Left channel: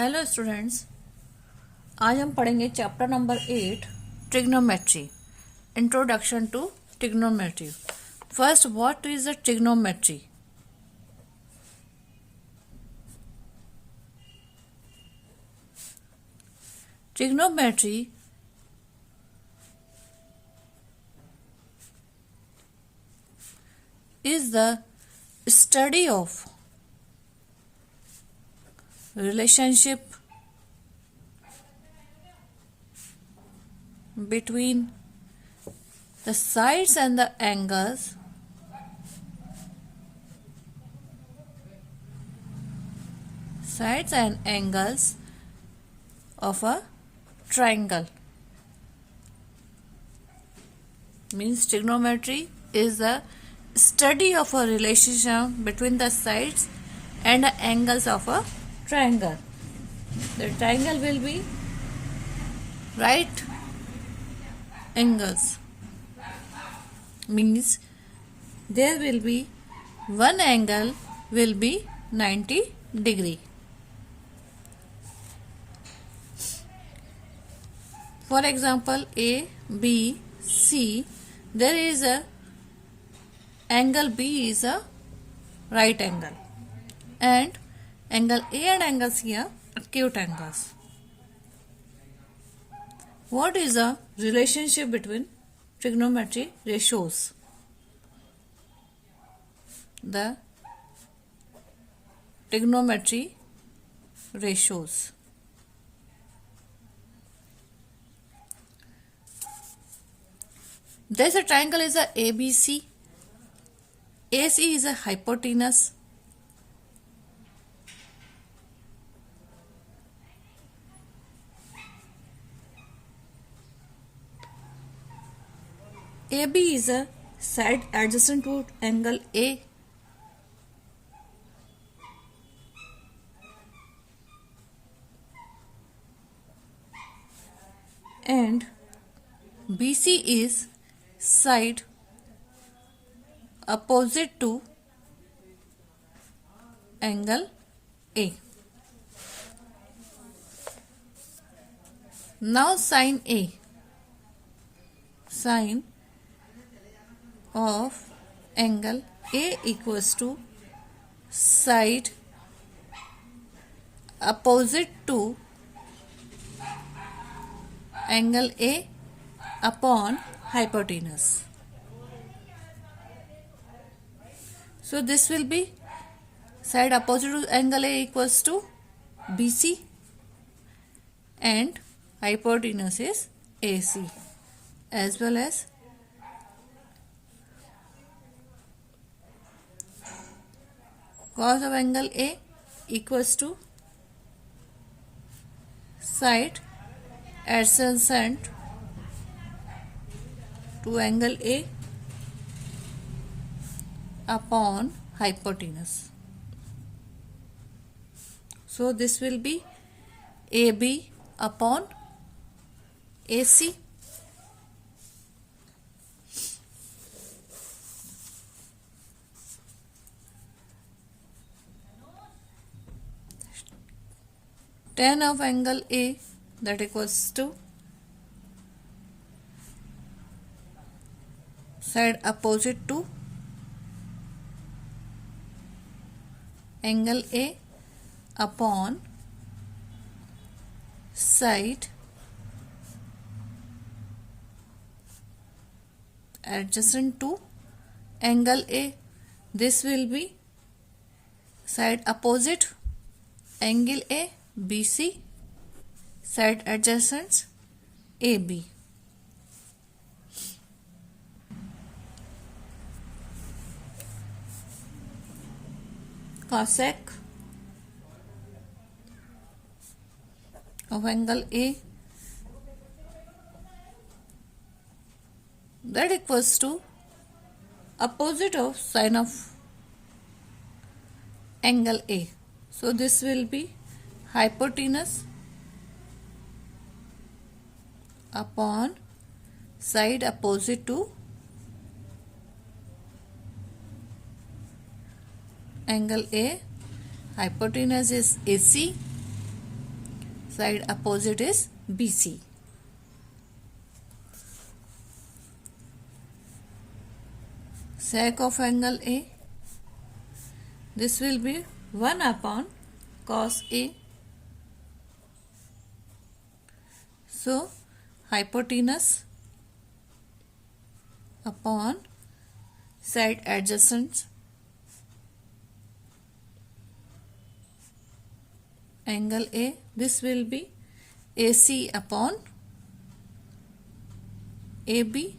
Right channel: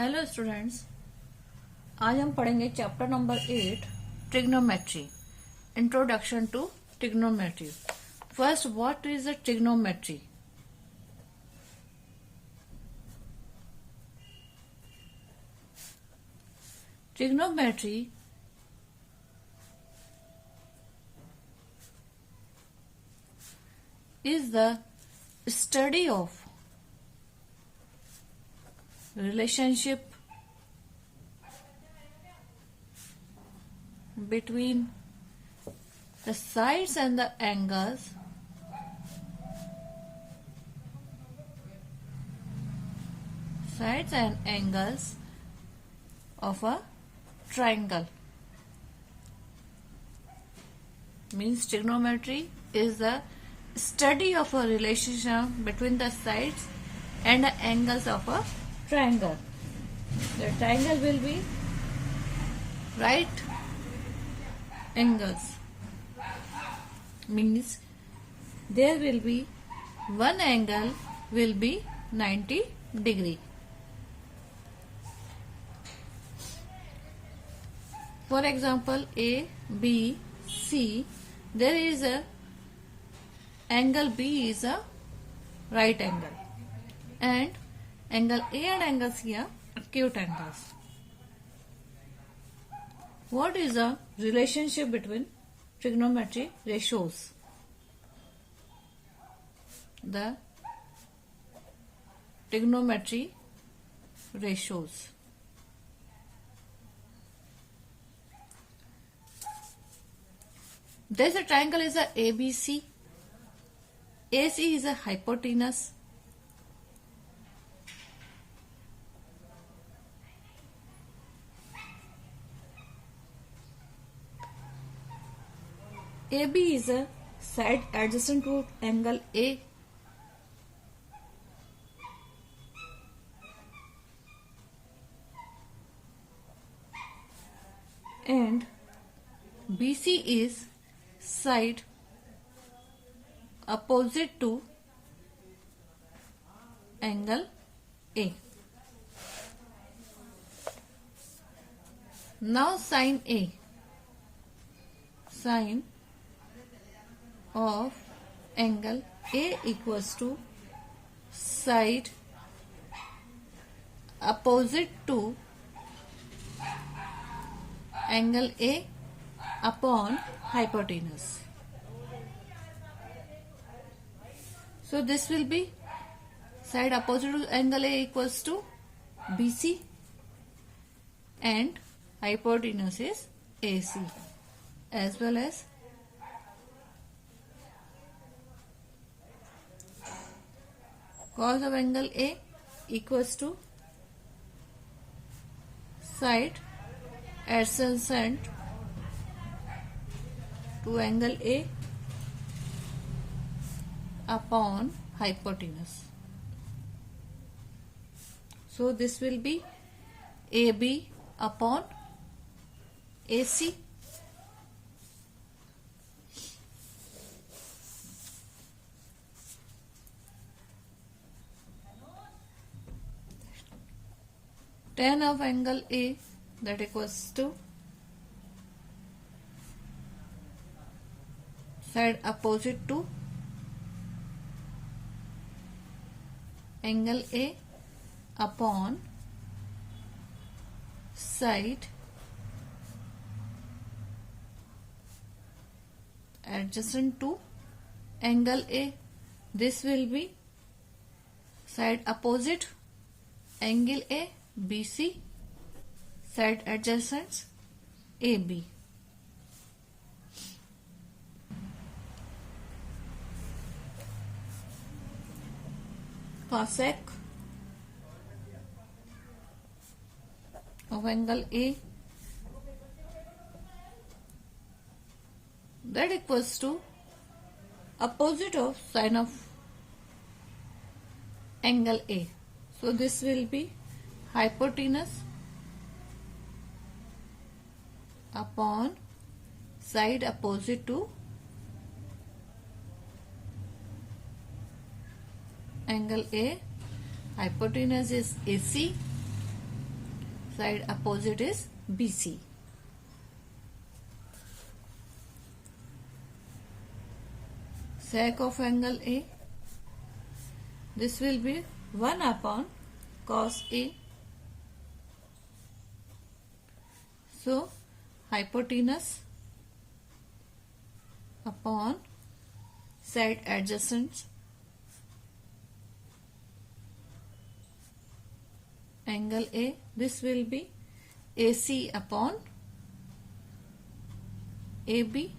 Hello students, आज हम पढ़ेंगे chapter number 8 trigonometry. Introduction to trigonometry. First, what is the trigonometry? Trigonometry is the study of relationship between the sides and the angles of a triangle. Means trigonometry is the study of a relationship between the sides and the angles of a triangle. The triangle will be right angles. Means there will be one angle will be 90 degree. For example, A, B, C, there is a angle B is a right angle, and angle A and angle C are acute angles. What is the relationship between trigonometry ratios? The trigonometry ratios. There's a triangle is a ABC. AC is a hypotenuse. AB is a side adjacent to angle A. And BC is side opposite to angle A. Now sin A. Sine of angle A equals to side opposite to angle A upon hypotenuse. So this will be side opposite to angle A equals to BC and hypotenuse is AC, as well as cos of angle A equals to side adjacent to angle A upon hypotenuse. So this will be AB upon AC. Tan of angle A, that equals to side opposite to angle A upon side adjacent to angle A. This will be side opposite angle A, BC, side adjacent AB. Cosec of angle A, that equals to opposite of sine of angle A. So this will be hypotenuse upon side opposite to angle A, hypotenuse is AC, Side opposite is BC. Sec of angle A, this will be 1 upon cos A. So hypotenuse upon side adjacent angle A, this will be AC upon AB.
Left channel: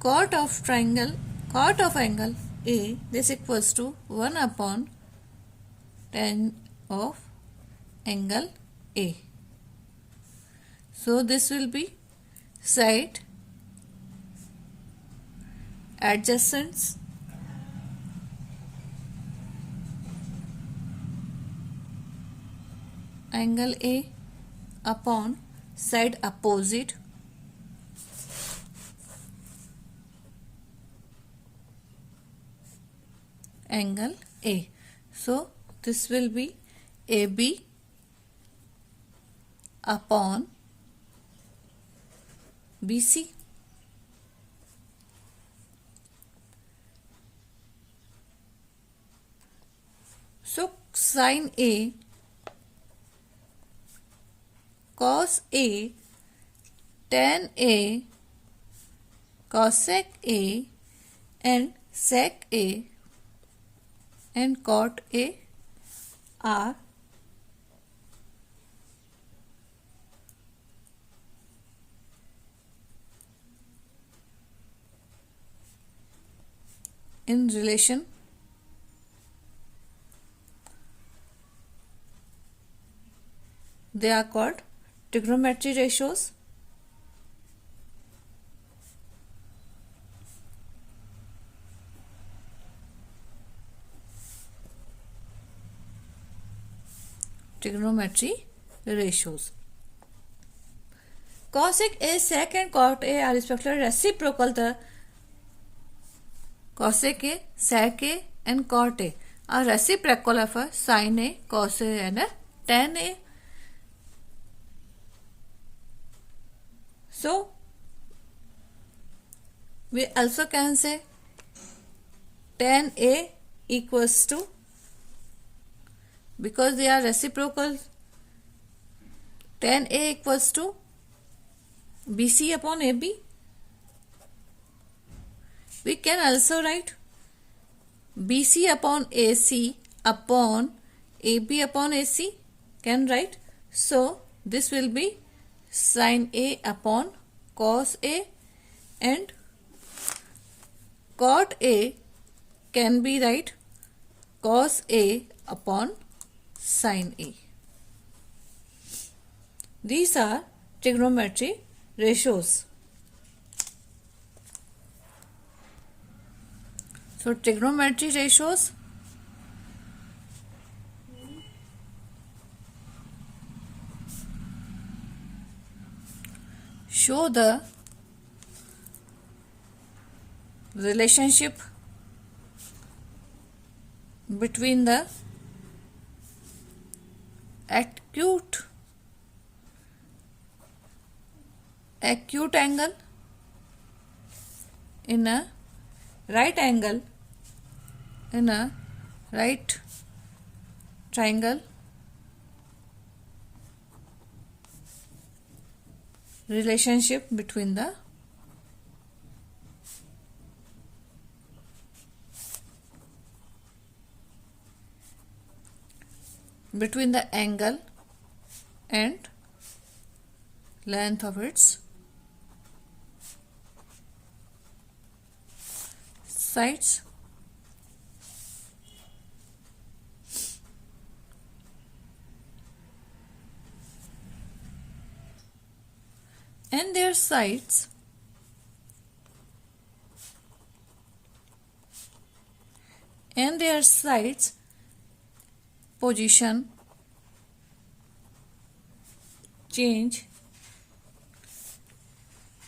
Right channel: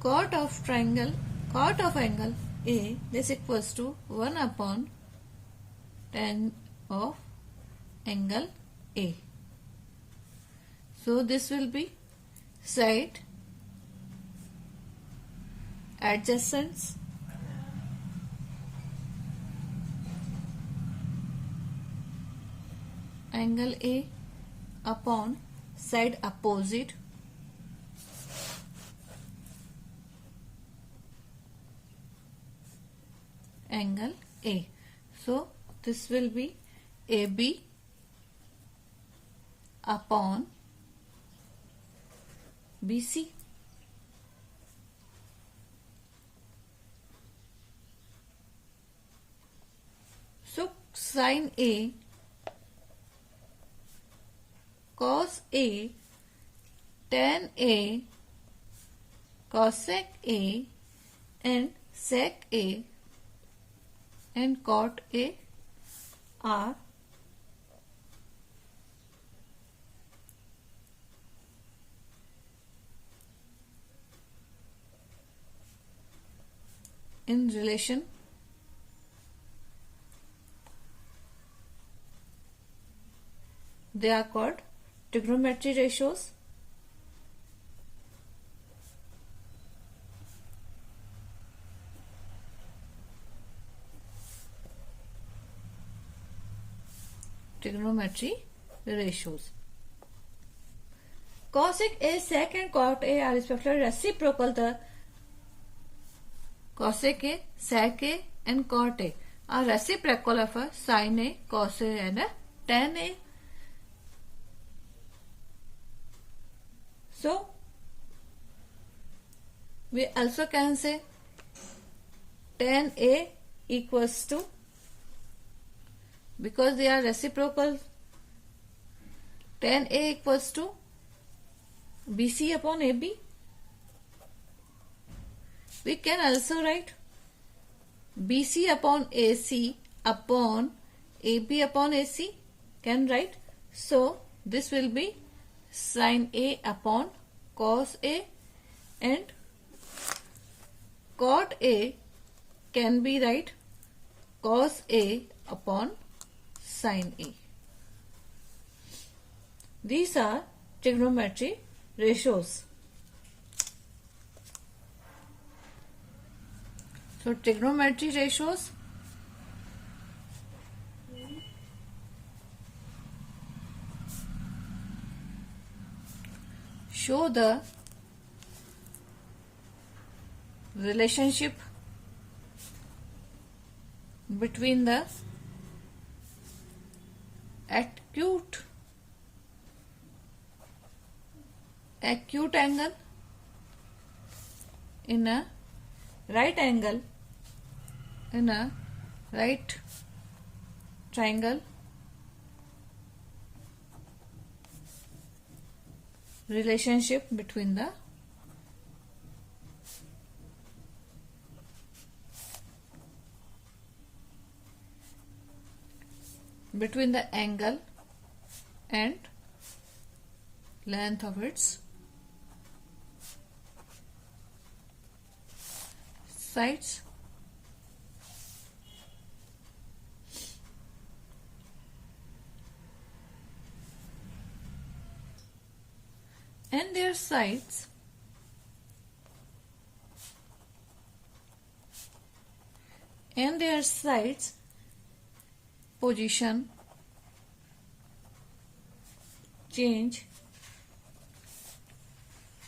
Cot of angle A, this equals to 1 upon tan of angle A. So this will be side adjacent angle A upon side opposite angle A. So this will be AB upon BC. So sin A, cos A, tan A, cosec A and sec A and cot A are in relation. They are called trigonometry ratios. Trigonometry ratios. Cosec A, sec and cot A are respectively reciprocal. The cosec A, sec A and cot A are reciprocal of a sin A, cos A and a tan A. So we also can say tan A equals to, because they are reciprocal, tan A equals to BC upon AB. We can also write BC upon AC upon AB upon AC, can write. So this will be sin A upon cos A and cot A can be write cos A upon sin A. These are trigonometry ratios. So trigonometry ratios show the relationship between the acute angle in a right angle in a right triangle relationship between the angle and length of its sides. And their sides position change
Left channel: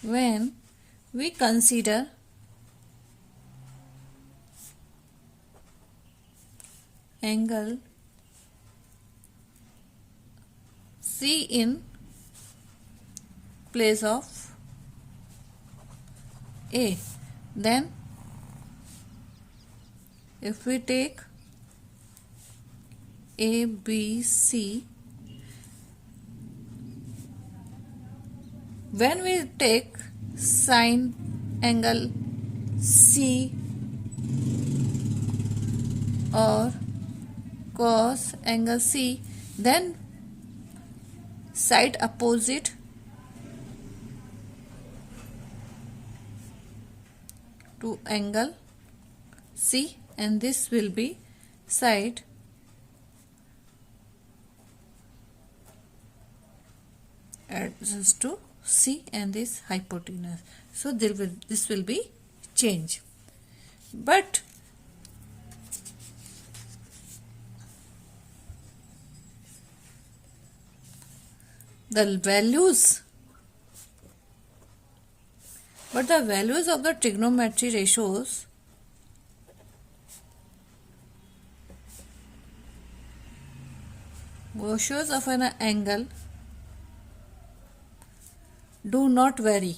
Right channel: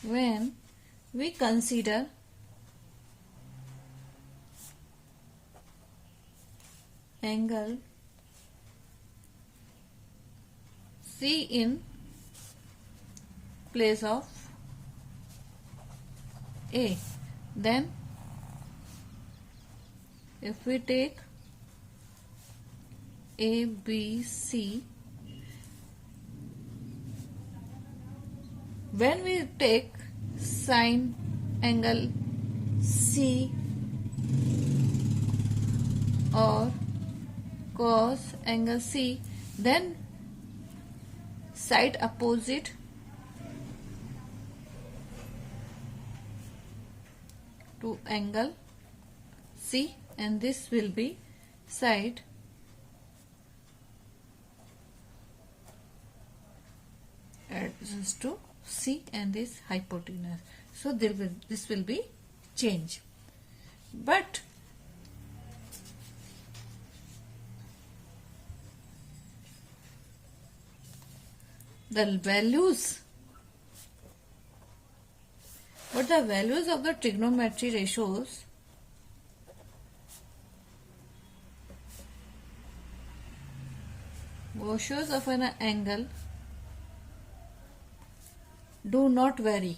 when we consider angle C in place of A. Then if we take A, B, C, when we take sine angle C or cos angle C, then side opposite to angle C, and this will be side adjacent to C and this hypotenuse. So this will be change. But the values of the trigonometry ratios of an angle do not vary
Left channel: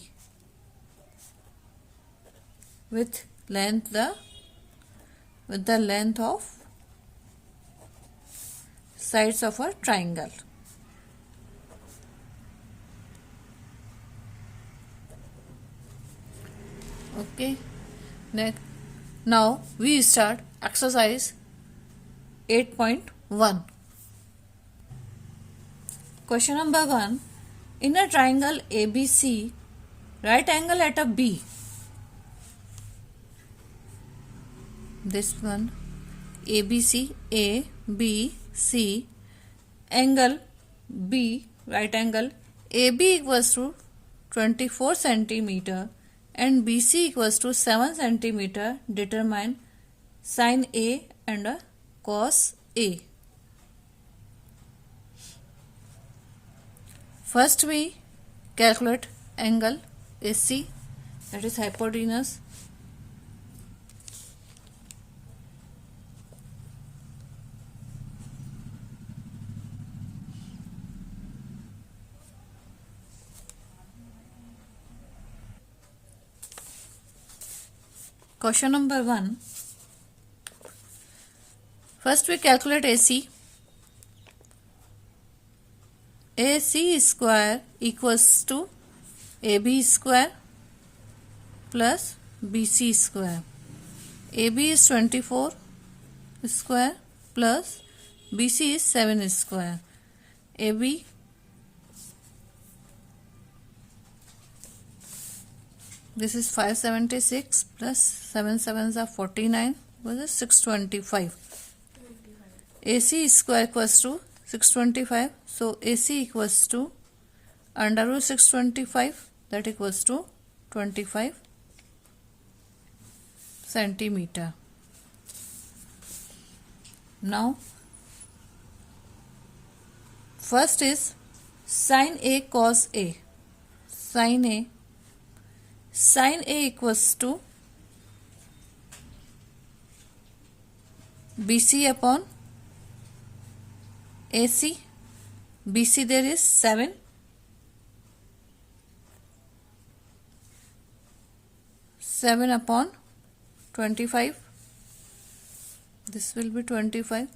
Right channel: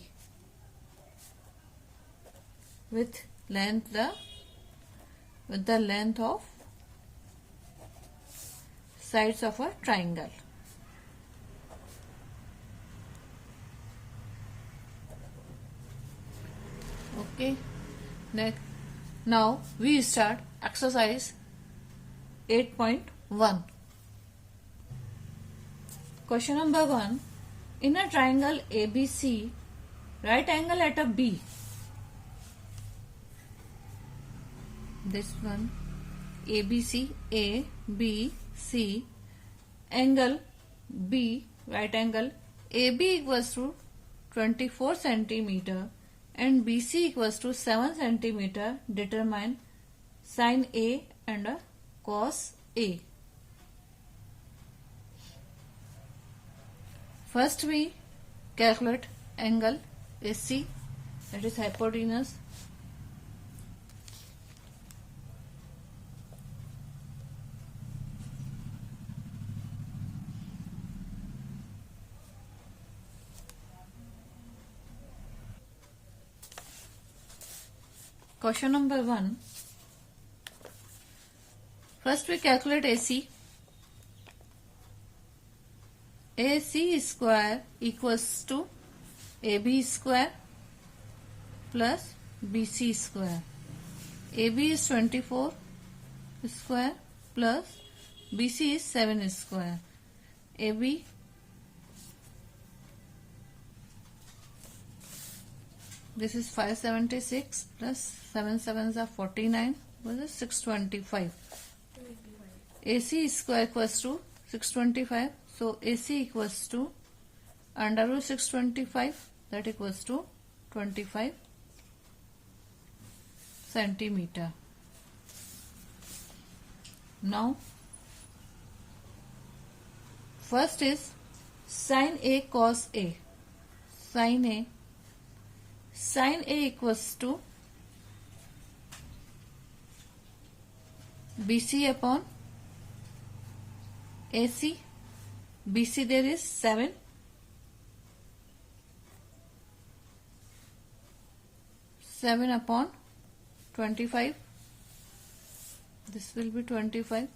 with the length of sides of a triangle. Okay, next, now we start exercise 8.1. Question number 1. In a triangle ABC, right angle at a B. This one, ABC, A, B, C, angle B, right angle AB equals to 24 centimeter and BC equals to 7 centimeter. Determine sin A and cos A. First we calculate angle AC, that is hypotenuse. Question number 1. First we calculate AC. AC square equals to AB square plus BC square. AB is 24 square plus BC is 7 square. AB this is 576 plus 7 sevens are 49, which is 625. AC square equals to 625. So AC equals to under root 625, that equals to 25 centimeter. Now first is sin A cos A. Sin A equals to BC upon AC. BC there is 7. Upon 25. This will be 25.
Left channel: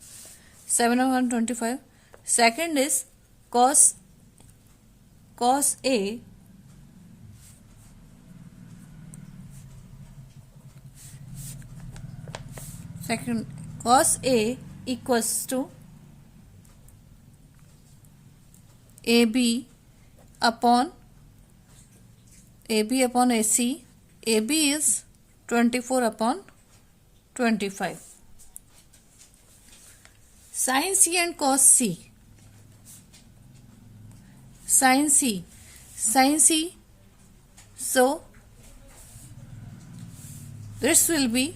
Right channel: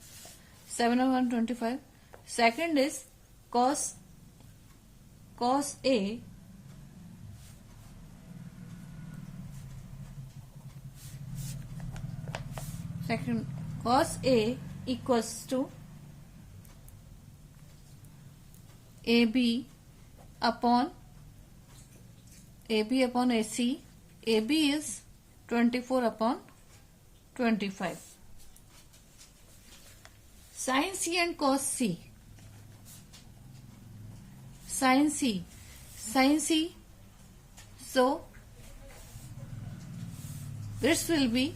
7 upon 25. Second is cos A. Second, cos A equals to AB upon AC. AB is 24 upon 25. Sin C and cos C. Sin C. So this will be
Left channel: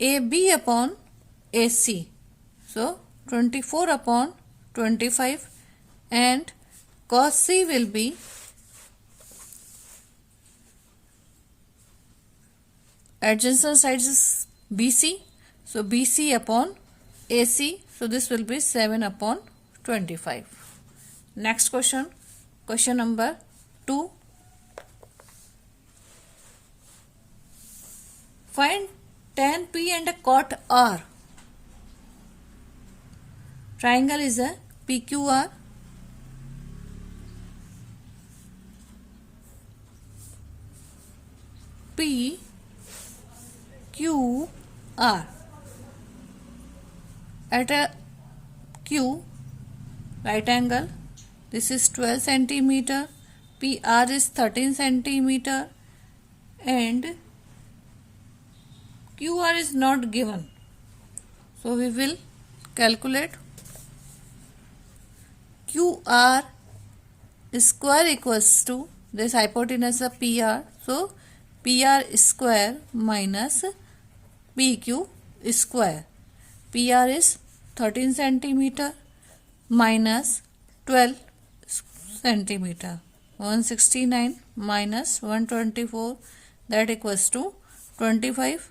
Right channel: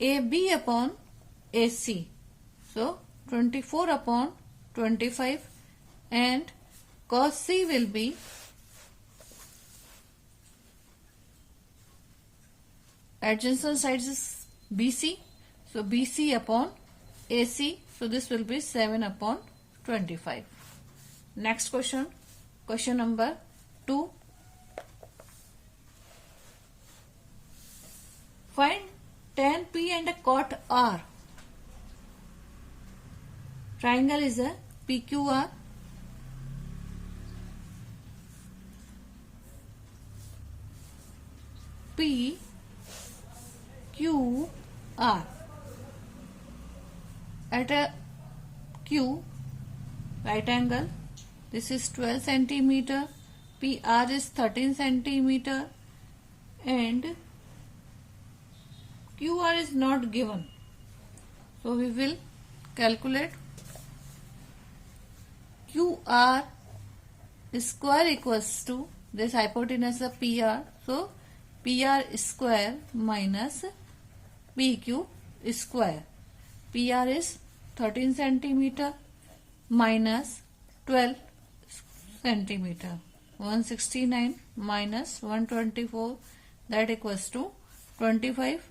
AB upon AC. So 24 upon 25, and cos C will be adjacent sides is BC. So BC upon AC. So this will be 7 upon 25. Next question. Question number 2. Find tan P and a cot R. Triangle is a PQR. P Q R. At a Q, right angle, this is 12 centimeter, PR is 13 centimeter, and QR is not given. So we will calculate QR square equals to this hypotenuse of PR. So PR square minus PQ square. PR is 13 centimeter minus 12 centimeter. 169 minus 124, that equals to 25.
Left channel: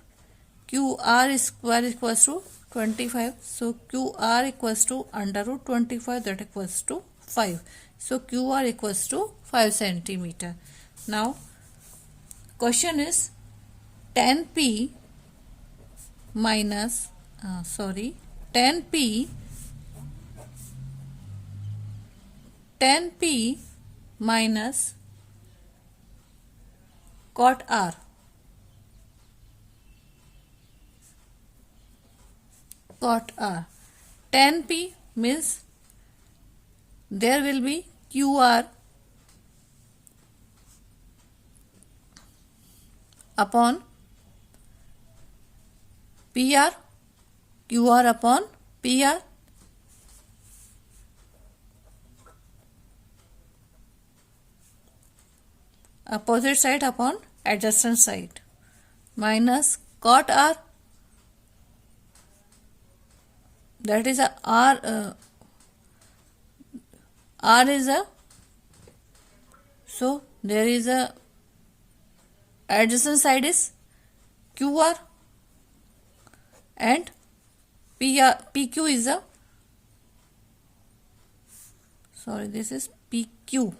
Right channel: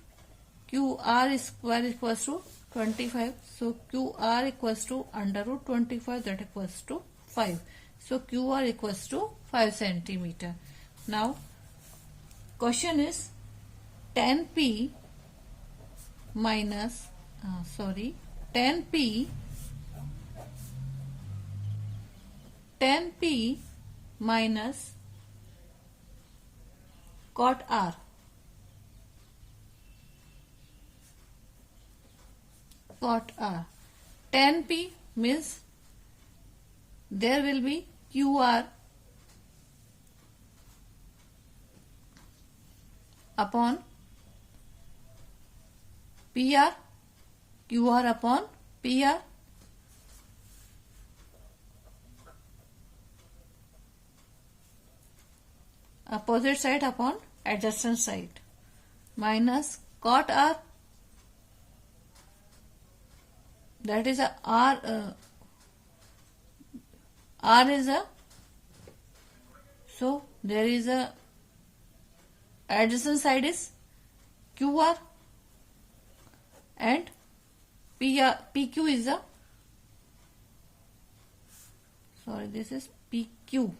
QR square equals to 25. So QR equals to under root 25, that equals to 5. So QR equals to 5 centimeter. Now question is tan P minus 10p minus cot R. Cot R. 10p means there will be QR upon PR, QR upon PR. Opposite side upon adjacent side minus cot R, that is a R. R is a, so there is a adjacent side is QR and PQ is a, this is PQ.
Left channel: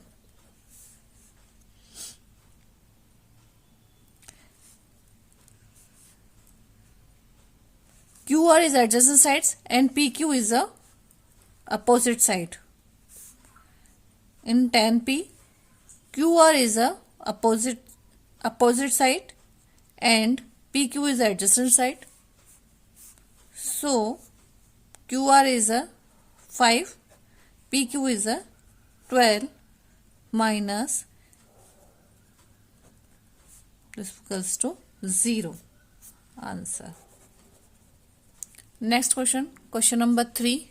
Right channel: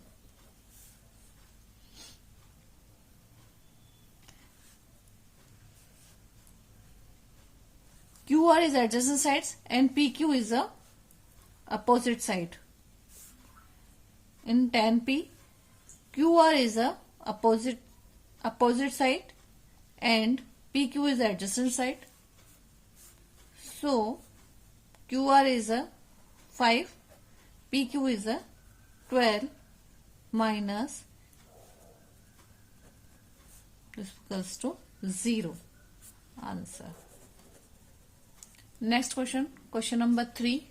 QR is adjacent sides and PQ is a opposite side. In tan P, QR is a opposite side and PQ is adjacent side. So QR is a 5, PQ is a 12 minus, this equals to 0. Answer. Next question, question number 3.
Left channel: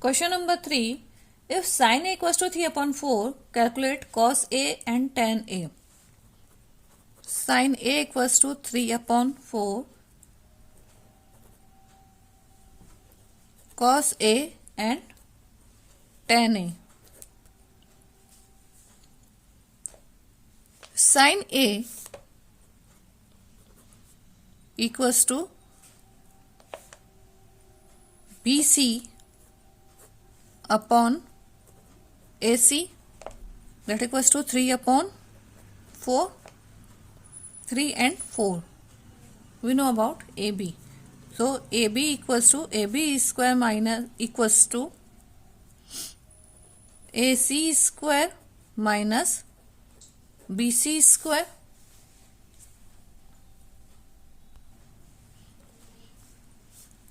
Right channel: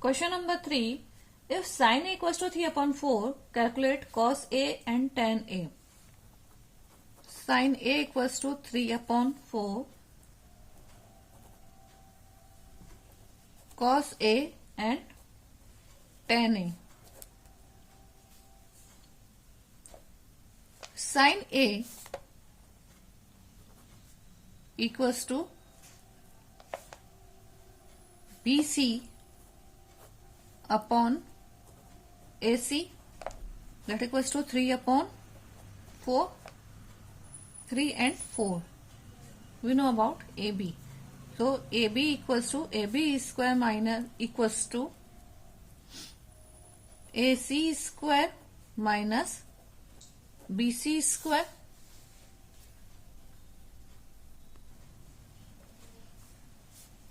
Question number 3. If sin A equals to 3 upon 4, calculate cos A and tan A. Sin A equals to 3 upon 4, cos A and tan A. Sin A equals to BC upon AC, that equals to 3 upon 4, 3 and 4. We know about AB. So AB equals to AB square minus equals to AC square minus BC square.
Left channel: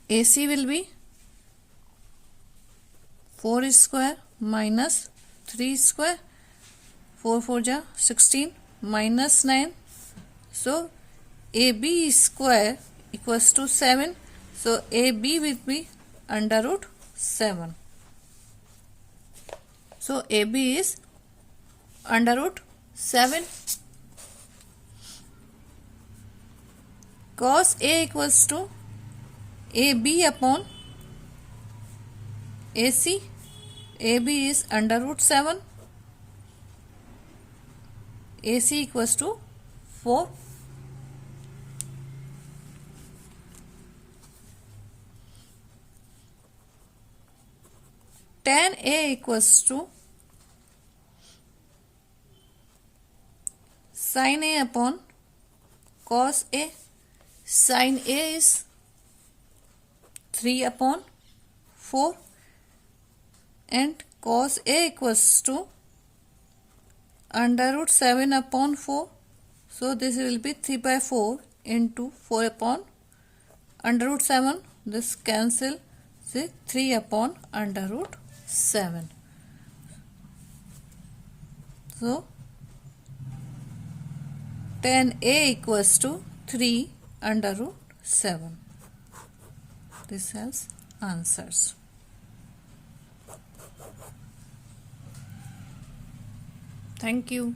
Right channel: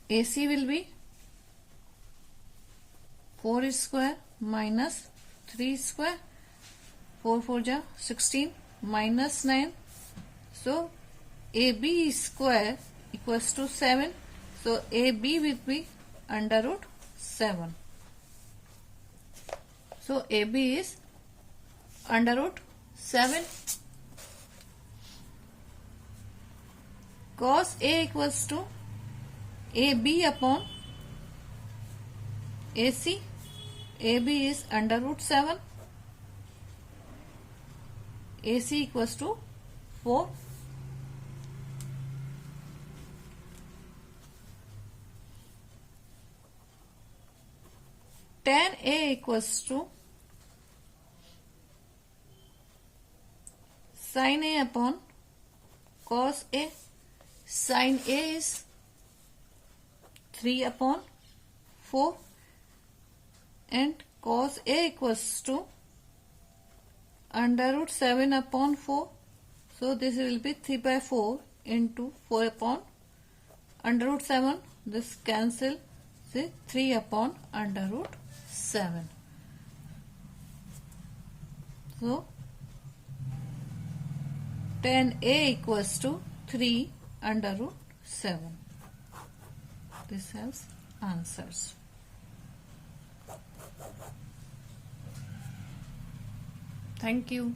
AC will be 4 square minus 3 square, 4 4 ja 16 minus 9. So AB square equals to 7. So AB will be under root 7. So AB is under root 7. Cos A equals to AB upon AC, AB is under root 7. AC equals to 4. Tan A equals to sin A upon cos A. Sin A is 3 upon 4 and cos A equals to under root 7 upon 4. So this will be 3 by 4 into 4 upon under root 7. This cancel, say 3 upon under root 7. So tan A equals to 3 under root 7. This has answers. Thank you.